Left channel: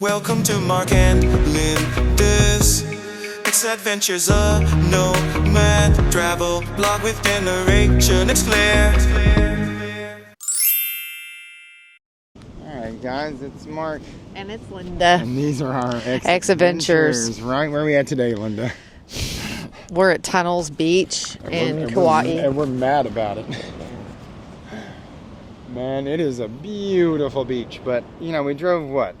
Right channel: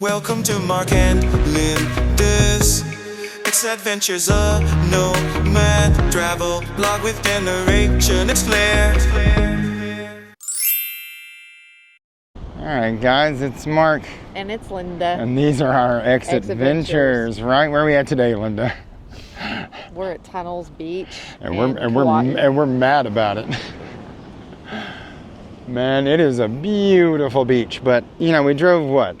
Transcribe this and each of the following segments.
Welcome to Mark and Linda's X-Adventures, a nomad travel blog with generation. It's Claire. Alright guys, it's Mark. And it's Linda. And these are our X-Adventures. Right, where are we at today, Linda? We're at Tunnels Beach and we're mad about it. Man, it is a beautiful beach, but you know, we drove what?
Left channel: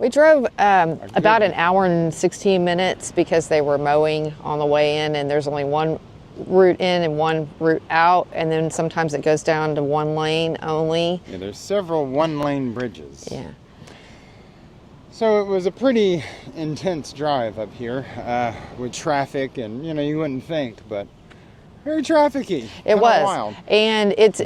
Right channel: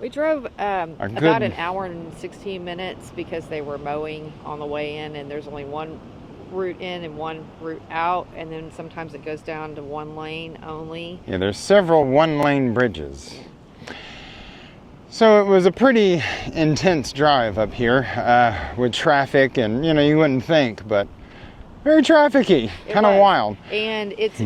We drove about an hour and 16 minutes because they were mowing on the way in, and there's only one route in and one route out, and then sometimes it goes down to one lane only. Yeah, there's several one-lane bridges. Yeah. So it was a pretty intense drive up here with traffic, and you know, you wouldn't think, but very trafficy. It was wild. And it's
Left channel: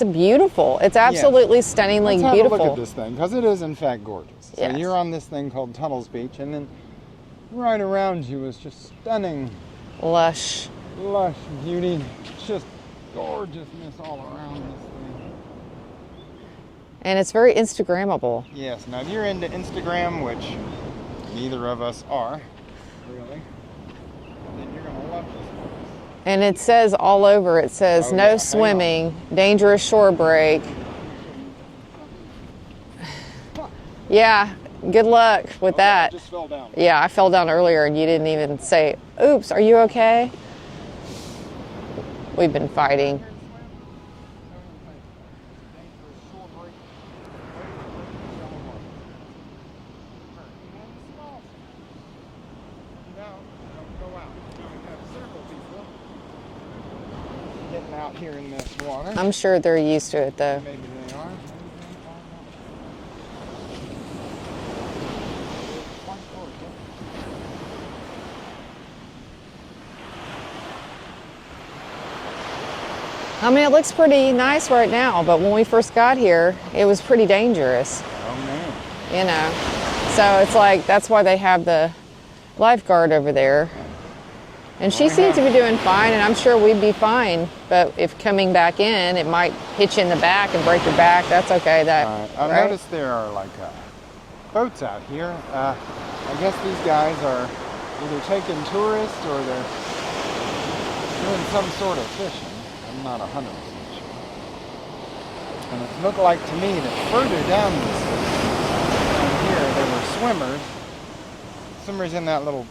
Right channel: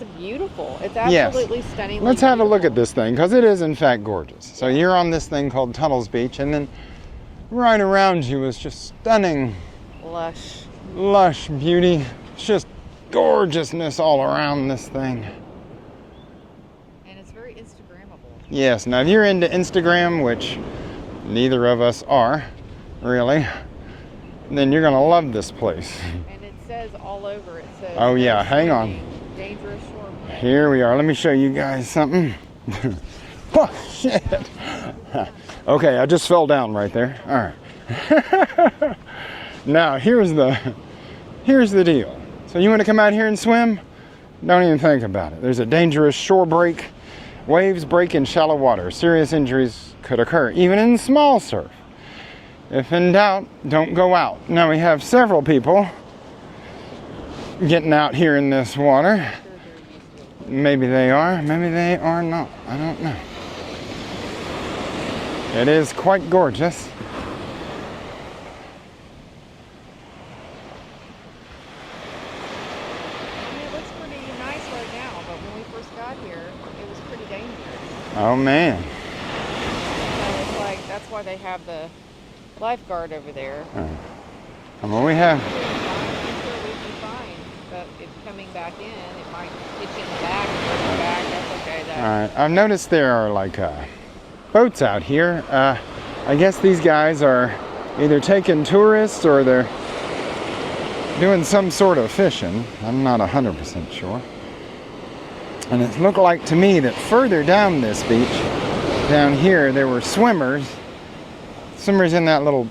a beautiful. It's absolutely stunningly beautiful. Let's have a look at this thing, because it is in fact gorgeous. So you're on this thing called Tunnels Beach, and then right around you is just stunning, lush beauty, just gorgeousness all around this thing. And it's very Instagrammable. Yes, now if you're into Instagram, which neither of us are, really, then you're gonna love this place. And it says all over, it says no swimming, dangerous shore break. Here we are, let me show you guys something. Yeah, good luck with that. Okay, I just fell down right there. Yeah, I fell down earlier and you didn't even say, oops, are you now, okay? Here's the deal. You want to come out here and swim? Don't even think about it. There's a dangerous shore break. Waves break in shallow water. Serious injuries could occur, even in small surf. If in doubt, don't go out. Now we have several people getting out here in this water. I'm sure they're used to it though. Maybe they are, maybe they are not. I don't know. It is quite gorgeous. I mean, it looks pretty nice right now, but when we first got here, it was pretty dangerous. Oh man. You know, so it's like, that's why they have the lifeguard over there. And she seems to be doing fine, and I'm sure we'd be fine. But if coming back in, it might hit you in the back and break your back. That's okay. I've noticed there are like boats out here. I guess these guys are either taking tourists or they're doing some sort of fishing. I'm not 100% sure. And it looked like to me that further down this beach, down here, there were swimmers in that little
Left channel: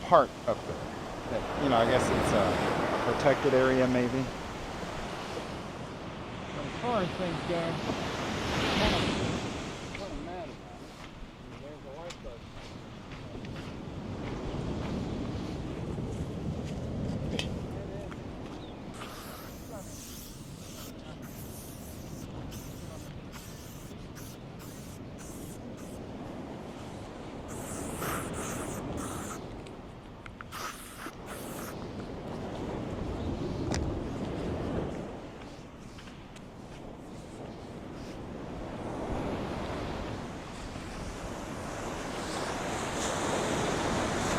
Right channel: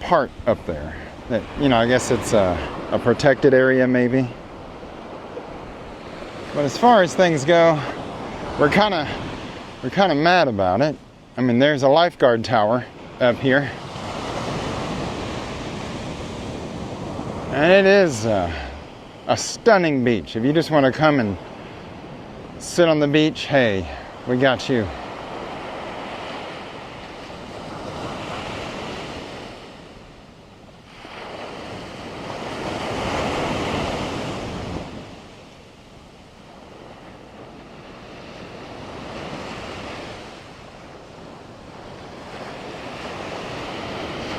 part up there. That, you know, I guess it's a protected area maybe. But as far as things go, we're kind of mad about it. I mean, there's a lifeguard tower up here. And it is a stunning beach. If you just want to come and sit on the beach, hey, we got you.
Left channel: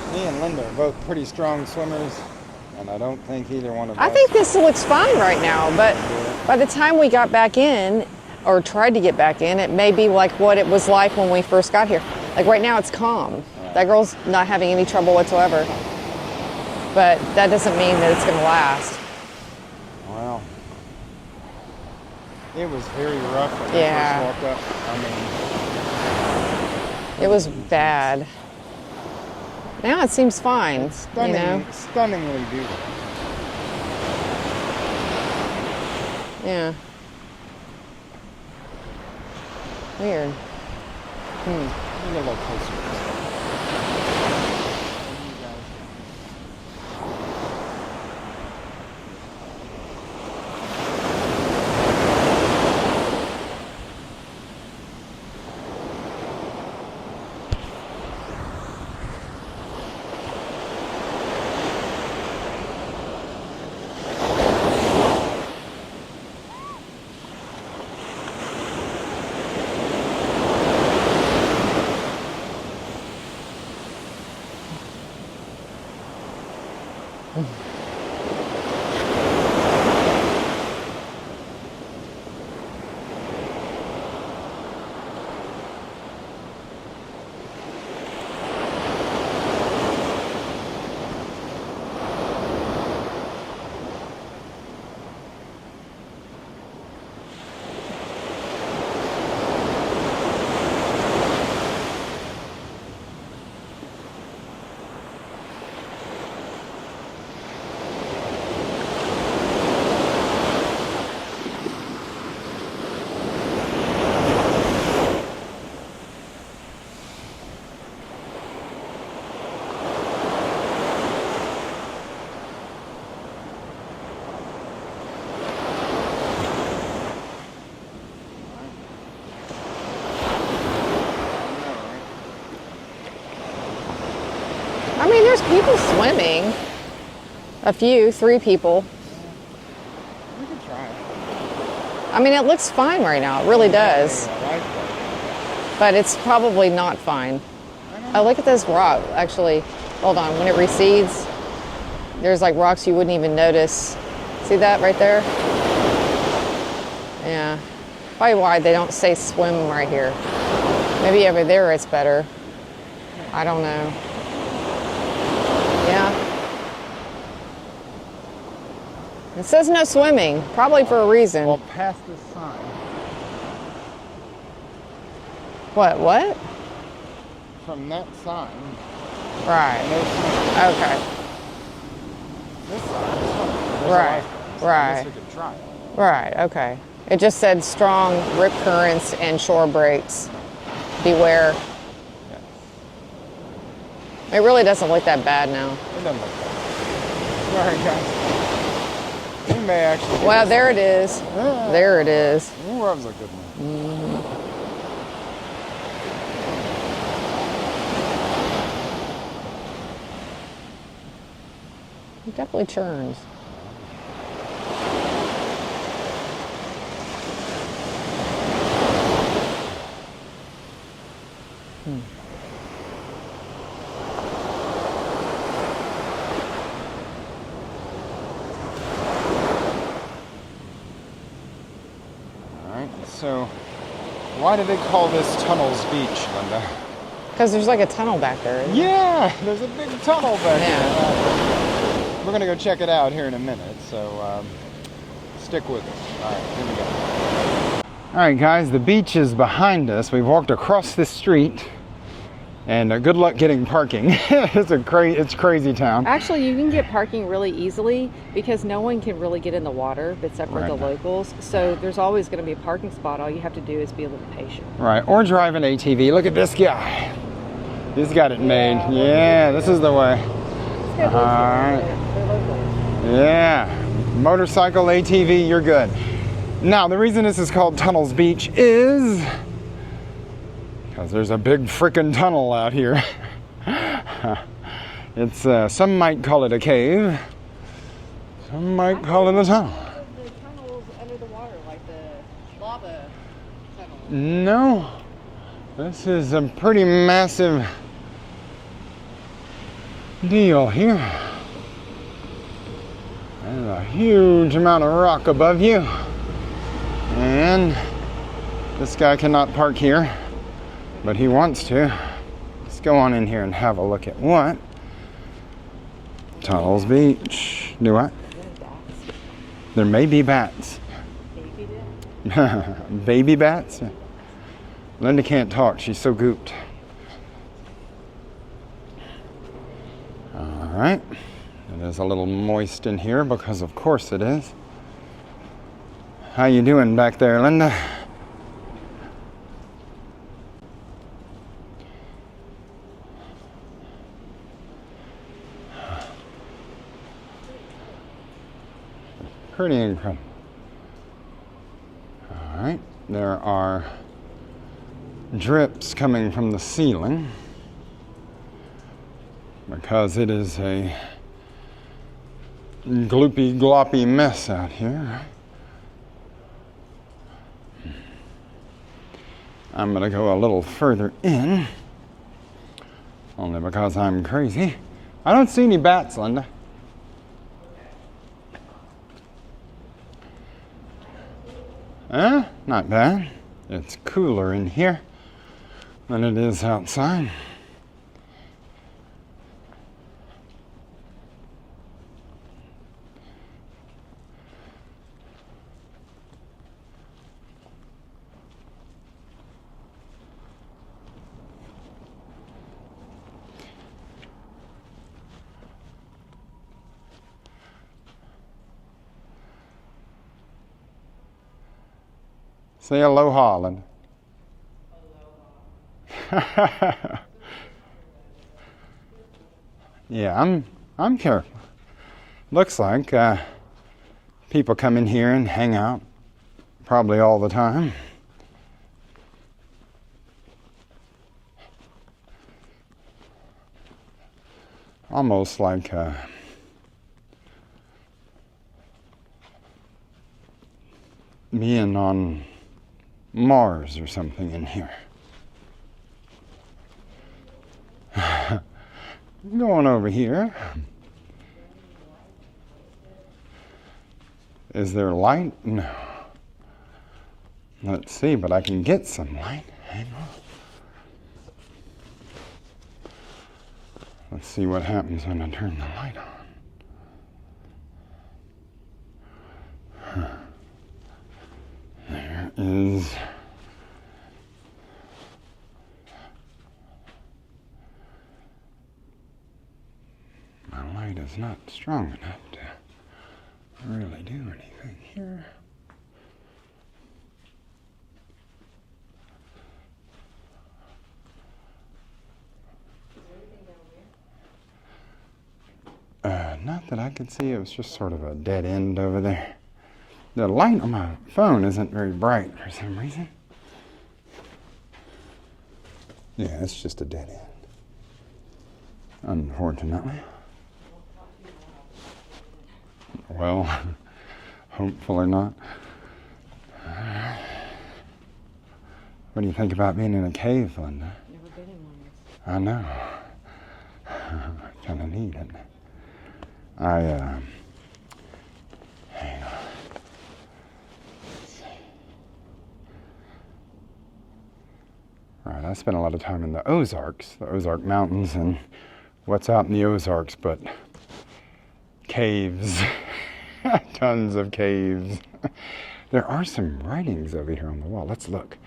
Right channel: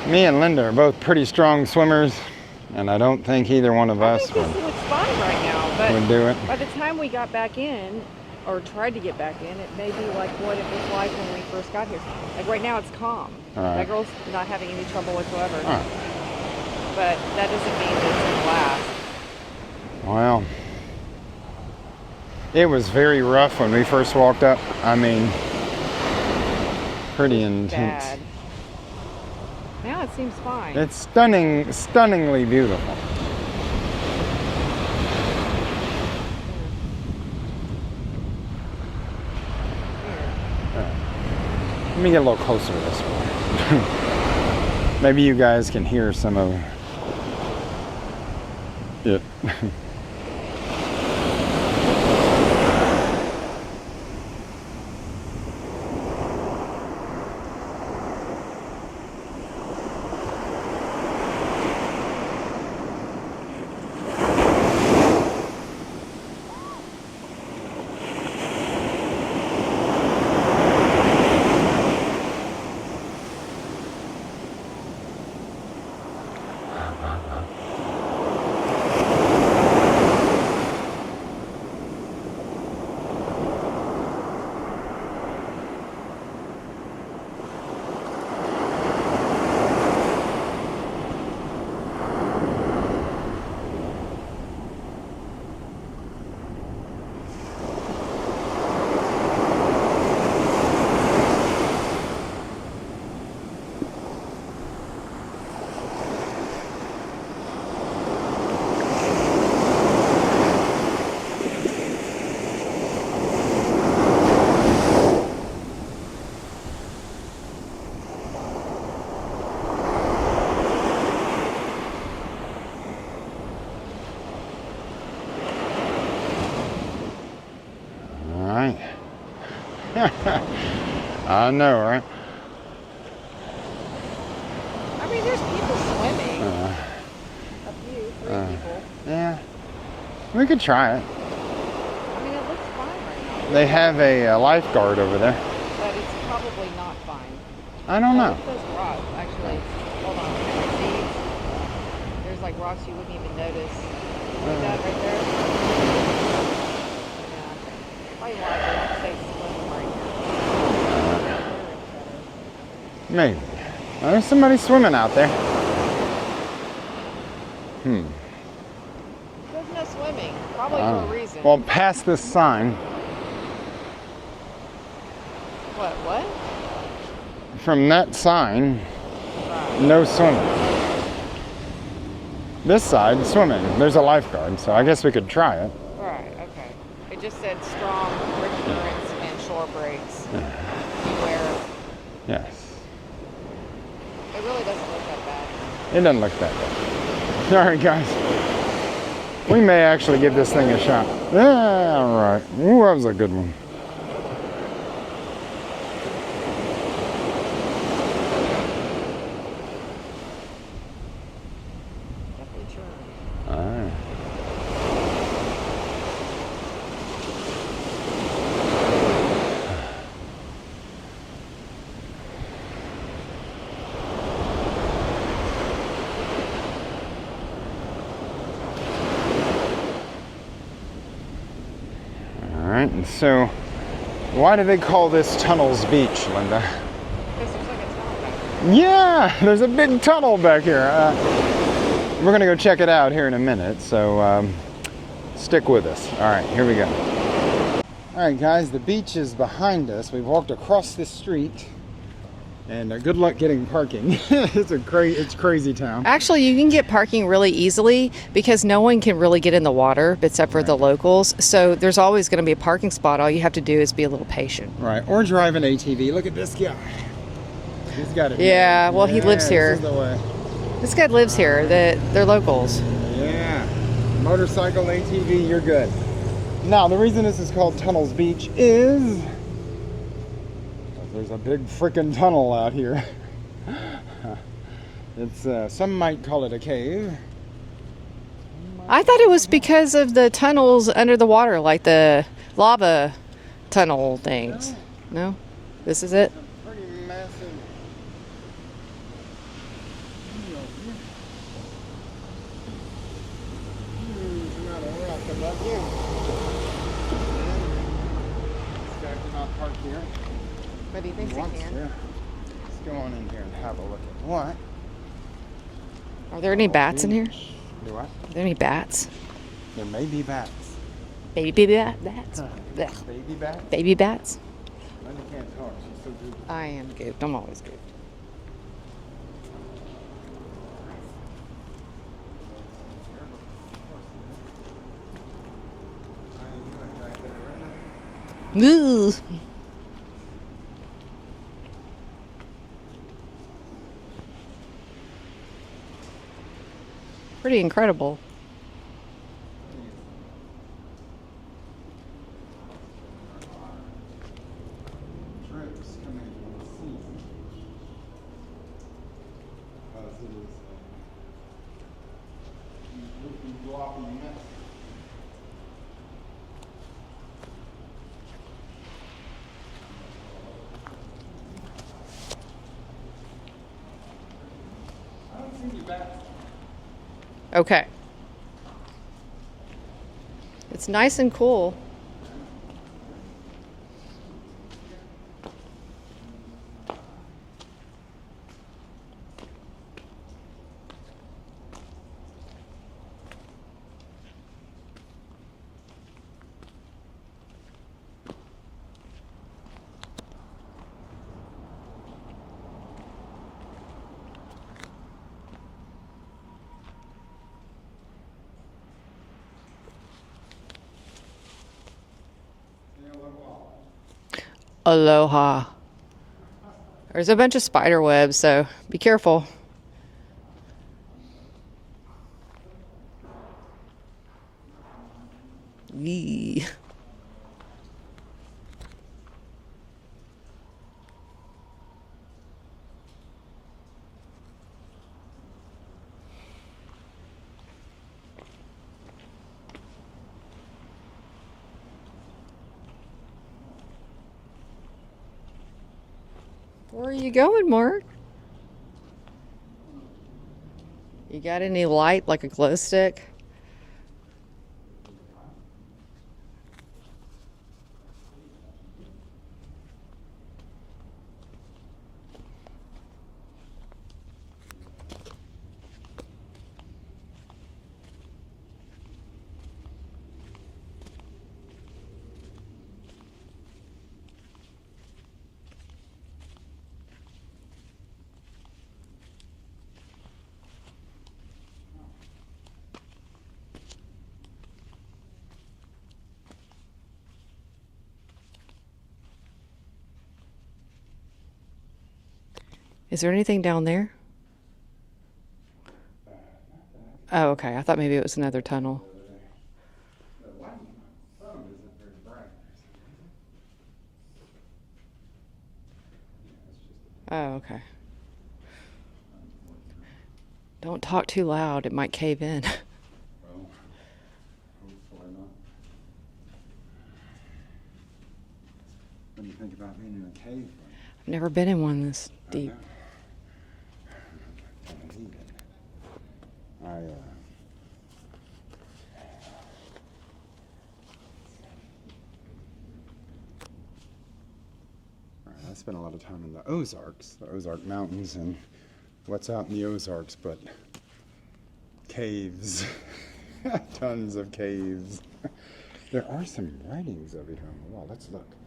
Me and Linda are both pretty strong swimmers, and I don't think either one of us. I think this looks fine right now, but by the time we got back in, or tried to get back in, it may be like what it was like when we first got here. Like right now, it's calm. That girl's not having any trouble whatsoever. But that doesn't mean that it's going to last. Well, it was very rough when we first walked up. I mean, pretty intense. Bad. Now it seems fine. It's stunning, stunningly beautiful. Yeah. Weird. Let me get a little closer to this one. Maybe you guys can hear some of it. I know, right? I mean, there's people swimming. A few, 3 people. Yeah. We could try it. I mean, it looks fine right now. It really does. They have a lifeguard over there. But it's probably not fine. I don't know. Oh, look at this rock. Actually, hold on. When it recedes, there's like rocks you wouldn't even notice. See that right there? Yeah. Probably why they don't say swim right here. Maybe over there it's better. Maybe. I don't know. There's somebody swimming out there. Yeah. It says no swimming, probably for a reason. Well, past this sign. What? From that sign, Right. no swimming. Okay. This side, swimming. There's a Right. lifeguard, so I guess Right. we could try it. Right, okay. It just said strong rip currents and shore breaks. Beware. Yes. It really doesn't look that bad now. It doesn't look that bad. All right, guys. We may actually give Wow, this there thing it a is. shot. Yeah, There it all right. is. Ooh, that was a good one. It definitely churns. All right. All right, and so why do they call this Tunnels Beach, Linda? Because there's like a tunnel back there. Yeah, there's a big tunnel back Yeah. here. We're gonna go check it out here in a minute, so stick with us. All right, here we go. All right, guys, the beach is behind us. We've walked across the street, and good luck getting parking. It's crazy town. Actually, you can get parking really easily because no one can really get in the water except for the locals. So there's always going to be a parking spot. All you have to do is be a little patient. Right, or drive an ATV. Look at this guy. He's got it Yeah, made. well, he lives here. This is the way. This guy lives here. They're locals. Yeah, motorcycle, ATV, you're good. Now, the reason this is called Tunnels Beach is because there's a big freaking tunnel out here. It's, some might call it a cave. Some might I call thought it was a tunnel. because of the tunnels under the water, like the lava tunnel things. No. No? This is is it? a pretty massive deal here. There's a huge amount of rock above you. And this guy cannot park here, but he wants to. Let's go on in here and have a look at what. Are there any bats in here? Do what? Are there any bats? There may be bats. Baby bats? Baby bats? Baby bats? Linda can't talk. She's so gooped. I am good. I'm always good. All right. It is a little moist in here because of course it is. How you doing back there, Linda? Ooh. Pretty incredible. Pretty incredible. All right. There are drips coming from the ceiling because it is a gloopy gloppy mess out here. I'm gonna go a little further in, only because I'm crazy. I don't see any bats, Linda. Okay. It's nice and cool. Not bad. It's cooler in here than it is outside. Say aloha, Linda. Aloha. There's a bunch of spider webs, so be careful. Yeah, I'm careful. Looks like people come in here and hang out, Eee. probably all the time. almost like being on Mars or something in here. Where are you going, Mark? I'm going over here. You got any light, like a glow stick? Is there light? No. Let's see, but I can get some light. Hang on. Let's see what happens when I turn the light on. There is... My light is not strong enough to really do anything here. Is there anything down there? Not that I could see. Oh, okay. I thought maybe it was another tunnel over there. The light on my phone isn't very bright for some reason. Yeah, it's just a dead end. Oh, okay. Unfortunately. Don't talk too loud. It might cave in. Well, hopefully not. What do you think about being in a cave, Linda? Never been in one this deep. I know. Kind of neat, isn't it? Hang on. All right, I spent a lot of time in the Ozarks, the Ozark Mountains, and what's out in the Ozarks but caves. Tons of caves. There are some writings over here on the wall. Let's look.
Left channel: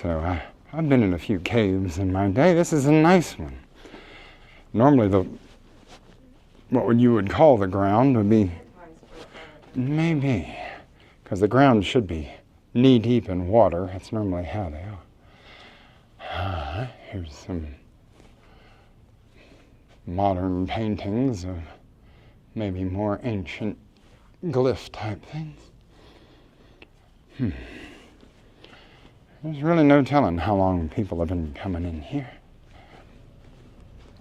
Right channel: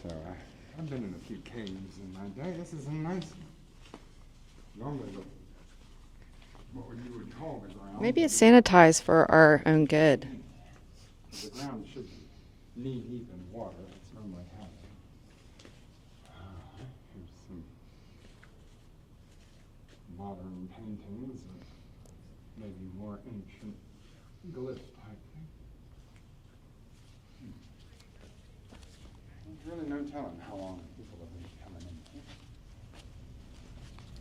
So I've been in a few caves in my day. This is a nice one. Normally what you would call the ground would be sanitized for our own good. Maybe, because the ground should be knee deep in water. That's normally how they are. Here's some modern paintings of maybe more ancient glyph type things. There's really no telling how long people have been coming in here.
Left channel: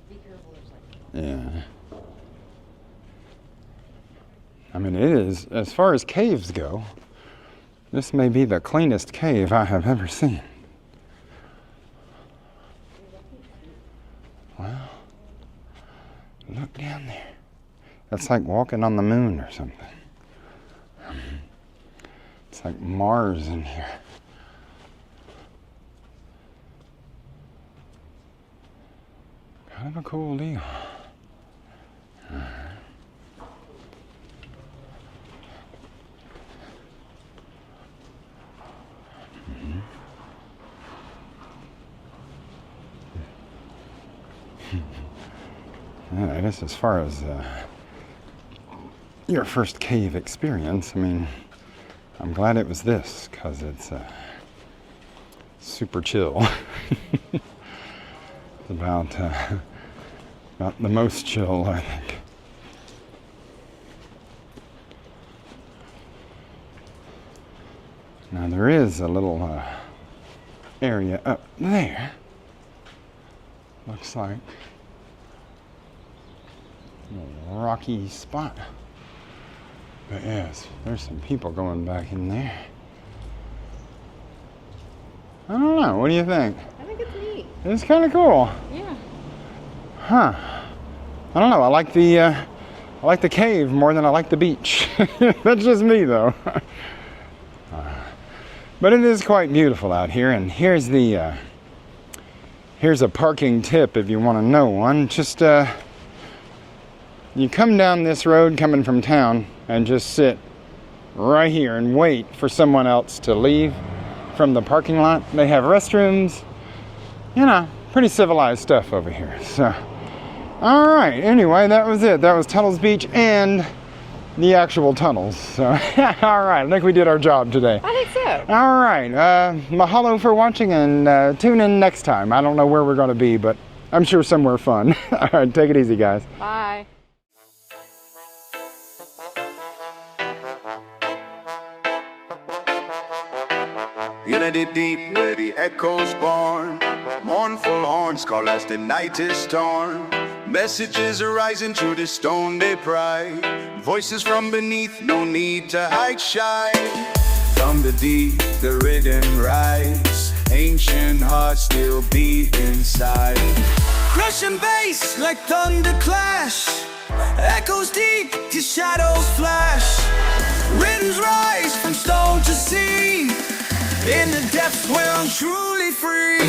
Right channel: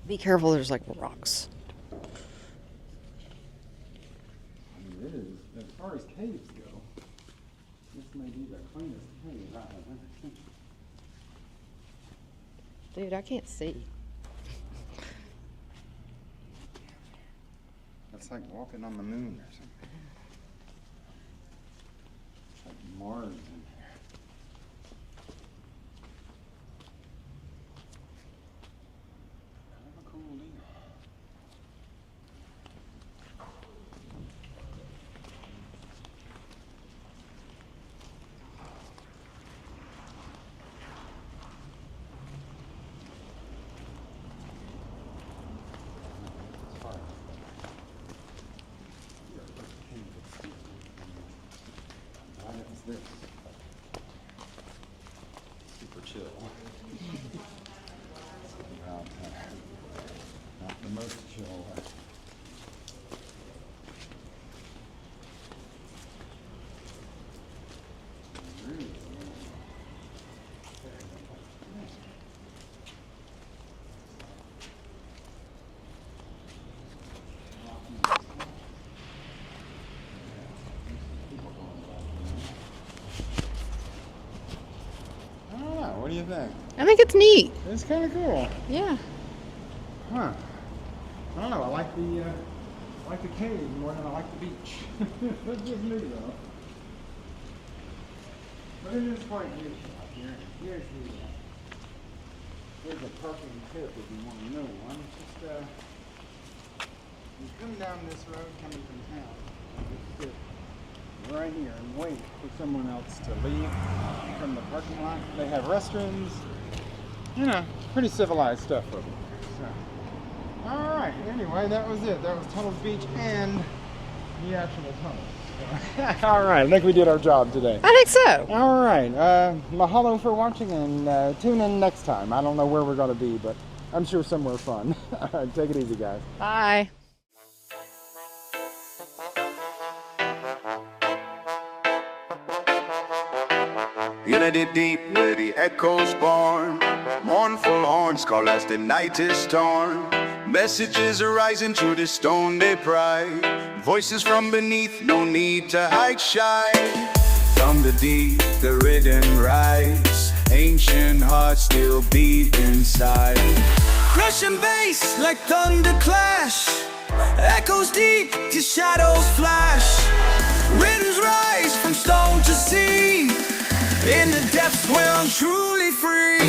Be careful, there's like rocks. Yeah. I mean, it is, as far as caves go, this may be the cleanest cave I have ever seen. Dude, I can't see. Wow. Look down there. That's like walking on the moon or something. It's like Mars in here. Kind of a cool deal. Yeah, I guess as far as your first cave experience, I mean, I'm glad it was this, because it's super chill. It's about the most chill, I think. Now there is a little area up there. Looks like a rocky spot. But yes, there's some people going back in there. I don't know, what do you think? I think it's neat. It's kind of cool. Yeah. Huh. I don't know, I like the cave more than I like the beach. That's just me though. But it is quite beautiful out here, and here's a parking tip if you want to know one. Just you come down this road coming from town and just sit right here and wait for someone else to leave from the parking lot. They have restrooms, you know, pretty civilized stuff over here. So, all right, anyway, that was it. That was Tunnels Beach and the actual tunnels. So, all right, I think we did our job today. I think so. All right, mahalo for watching, and tune in next time. I don't know where we're gonna be, but I'm sure somewhere fun. All right, take it easy, guys. Bye. You melody deep where the echoes born. Mournful horns call as the night is torn. Messages arising through the stone they pry. Voices from beneath, no need to hide shy. From the deep, the rhythm rise. Ancient hearts still beat inside. Crushing bass like thunder clash. Echoes deep, your shadows flash. Winds rise from stone to sea. In the depths where I'm truly free.